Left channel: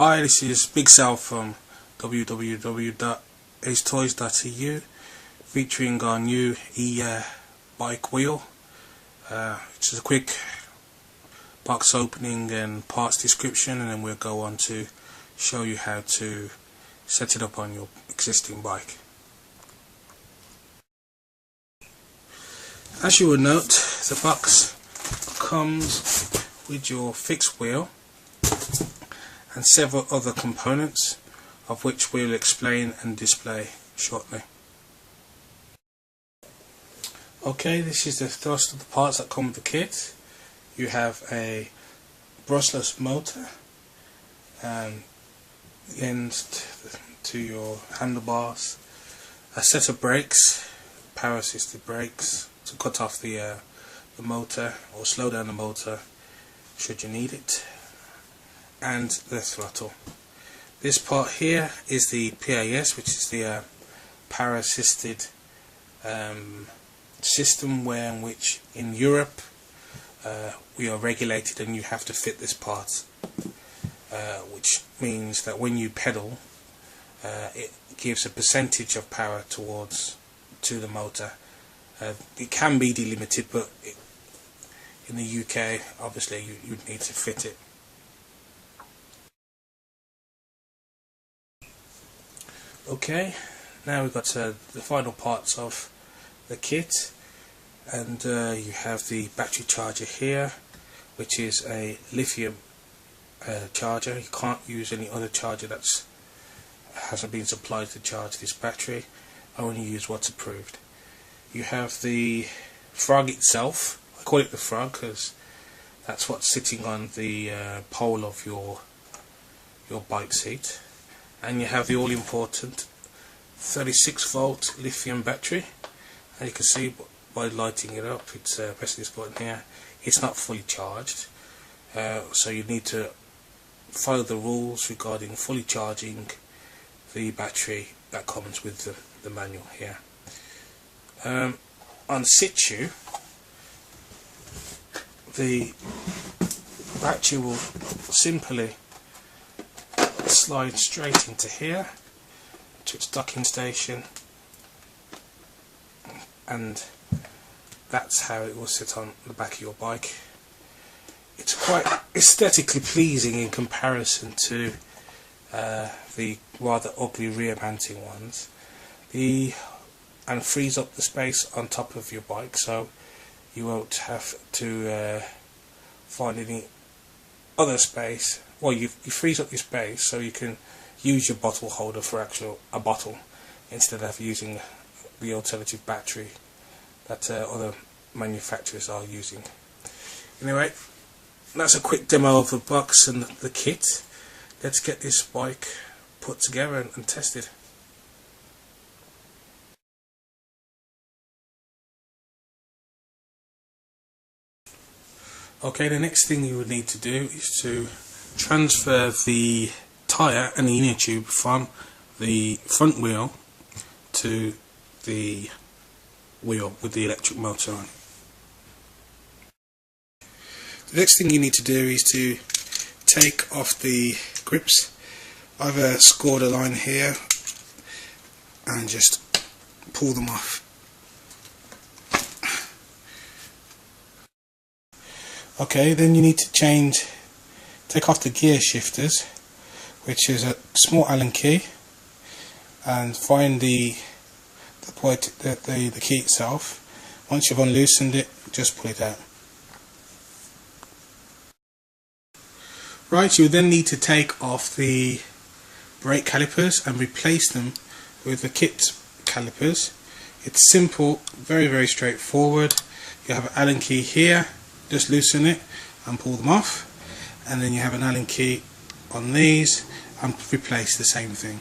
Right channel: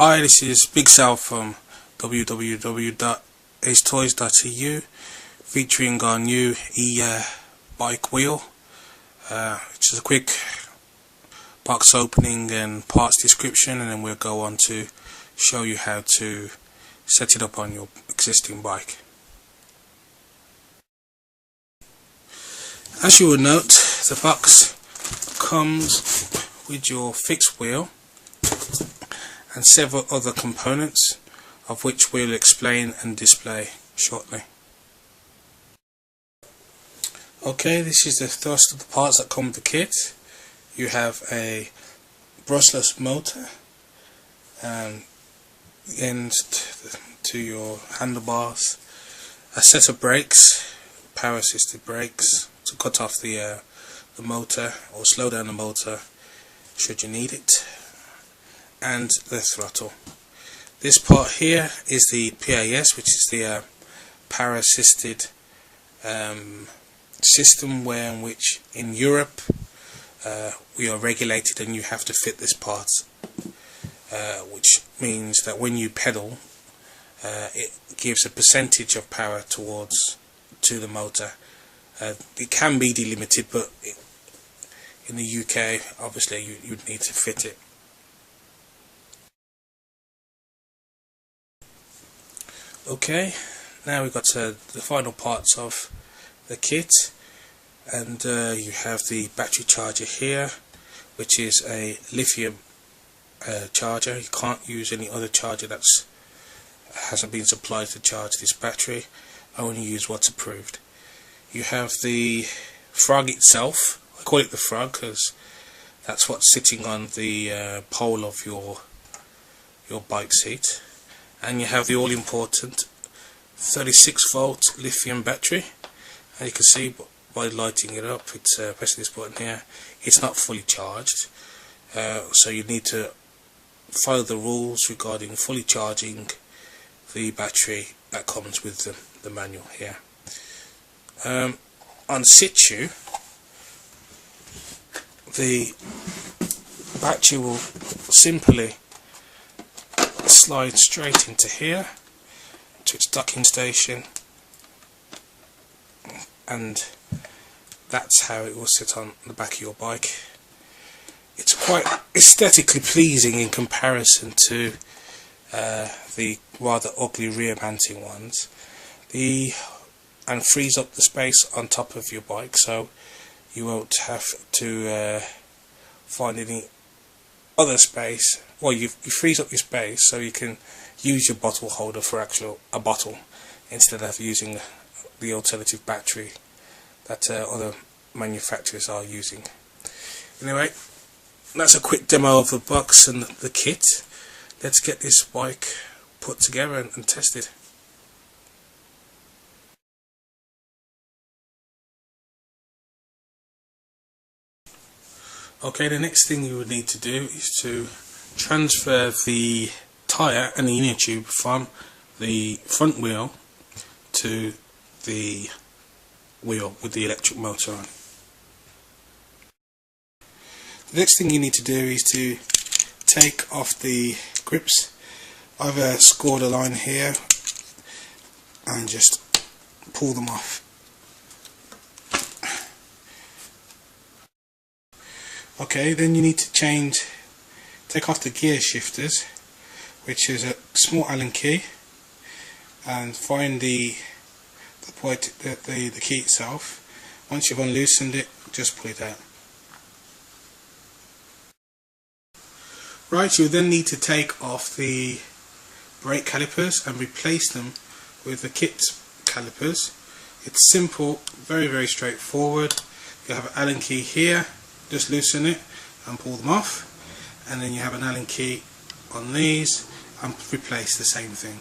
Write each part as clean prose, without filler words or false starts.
Hi, this is Big Sal from www.Acetoys.Eu, featuring our new e-bike wheel. It's just a quick box opening and parts description, and then we'll go on to show you how to set it up on your existing bike. As you will note, the box comes with your fixed wheel and several other components, of which we'll explain and display shortly. Okay, this is the first of the parts that come with the kit. You have a brushless motor and end to your handlebars, a set of brakes, power assisted brakes to cut off the motor or slow down the motor should you need it, and the throttle. This part here is the PAS, which is the power assisted system, where in which in Europe we are regulated and you have to fit this part, which means that when you pedal it gives a percentage of power to the motor. It can be delimited, but in the UK obviously you'd need to fit it. Okay, now we've got the final parts of the kit, and you have the battery charger here, which is a lithium charger. You can't use any other charger that hasn't been supplied to charge this battery. Only use what's approved. You have the frog itself. I call it the frog because that's what's sitting on the pole of your bike seat. And you have the all-important 36-volt lithium battery, and you can see by lighting it up, it's pressing this button here, it's not fully charged, so you need to follow the rules regarding fully charging the battery that comes with the manual here. On situ, the battery will simply slide straight into here to its docking station, and that's how it will sit on the back of your bike. It's quite aesthetically pleasing in comparison to the rather ugly rear mounting ones, and frees up the space on top of your bike, so you won't have to find any other space. Well, you freeze up your space so you can use your bottle holder for a bottle instead of using the alternative battery that other manufacturers are using. Anyway, that's a quick demo of the box and the kit. Let's get this bike put together and tested. Okay, the next thing you would need to do is to transfer the tyre and the inner tube from the front wheel to the wheel with the electric motor on. The next thing you need to do is to take off the grips. I've scored a line here and just pull them off. Okay, then you need to take off the gear shifters, which is a small Allen key, and find the key itself. Once you've unloosened it, just pull it out. Right, you then need to take off the brake calipers and replace them with the kit calipers. It's simple, very straightforward. You have an Allen key here, just loosen it and pull them off, and then you have an Allen key on these and replace the same thing.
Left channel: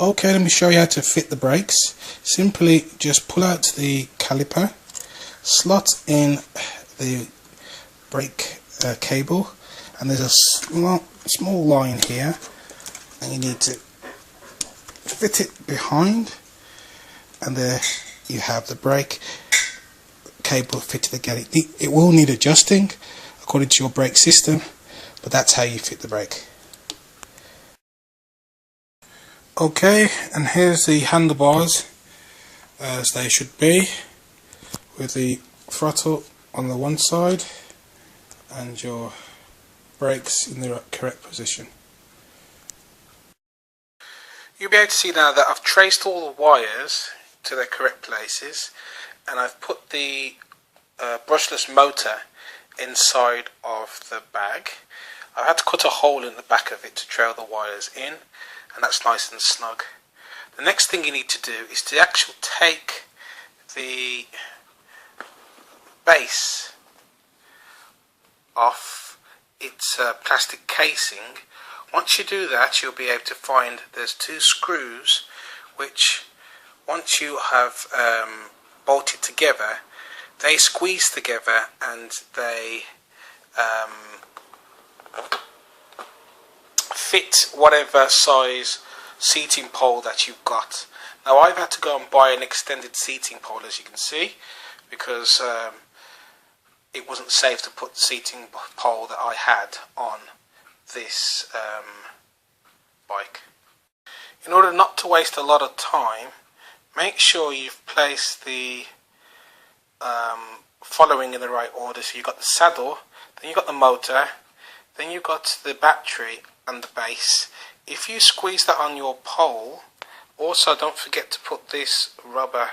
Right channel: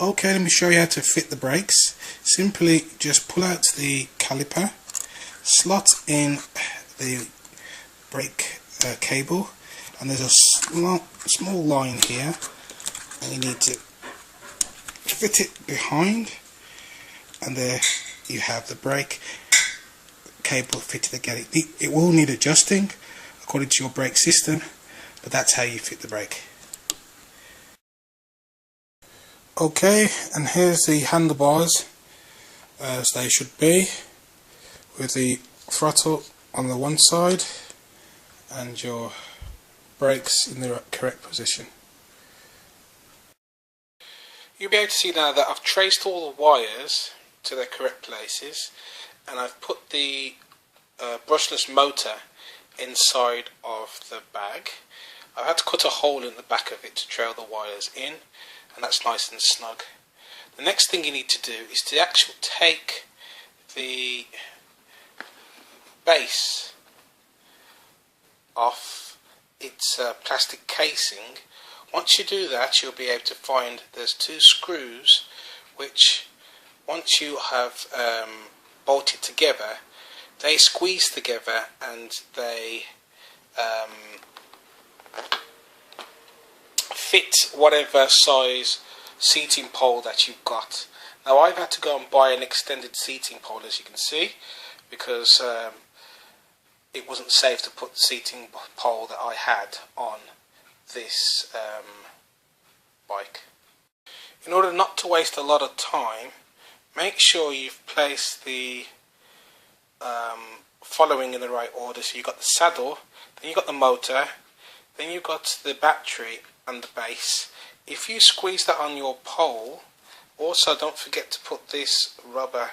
Okay, let me show you how to fit the brakes. Simply just pull out the caliper, slot in the brake cable, and there's a small line here, and you need to fit it behind, and there you have the brake cable fitted again. It will need adjusting according to your brake system, but that's how you fit the brake. Okay, and here's the handlebars as they should be, with the throttle on the one side and your brakes in the correct position. You'll be able to see now that I've traced all the wires to their correct places, and I've put the brushless motor inside of the bag. I had to cut a hole in the back of it to trail the wires in, and that's nice and snug. The next thing you need to do is to actually take the base off its plastic casing. Once you do that, you'll be able to find there's two screws which, once you have bolted together, they squeeze together and they fit whatever size seating pole that you've got. Now I've had to go and buy an extended seating pole, as you can see, because it wasn't safe to put the seating pole that I had on this bike. In order not to waste a lot of time, make sure you've placed the following in the right order. So you've got the saddle, then you've got the motor, then you've got the battery and the base. If you squeeze that on your pole, also don't forget to put this rubber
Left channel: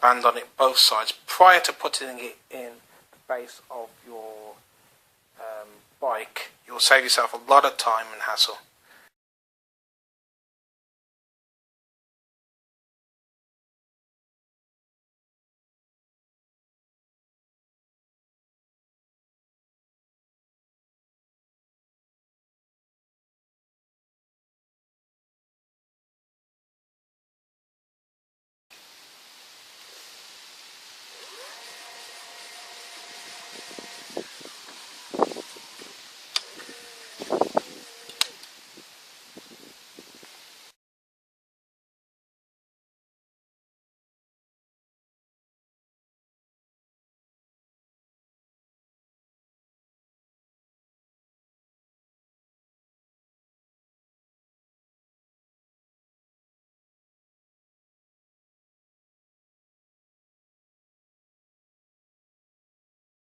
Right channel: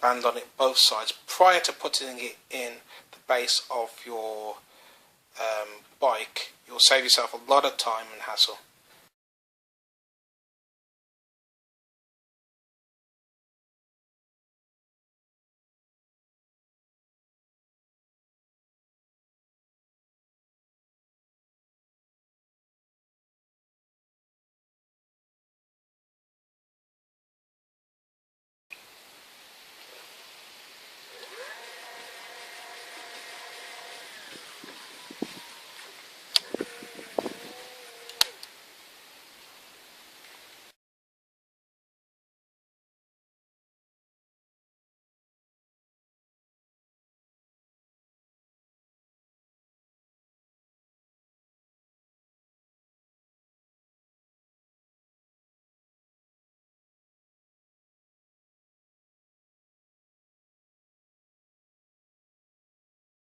band on it both sides prior to putting it in the base of your bike. You'll save yourself a lot of time and hassle.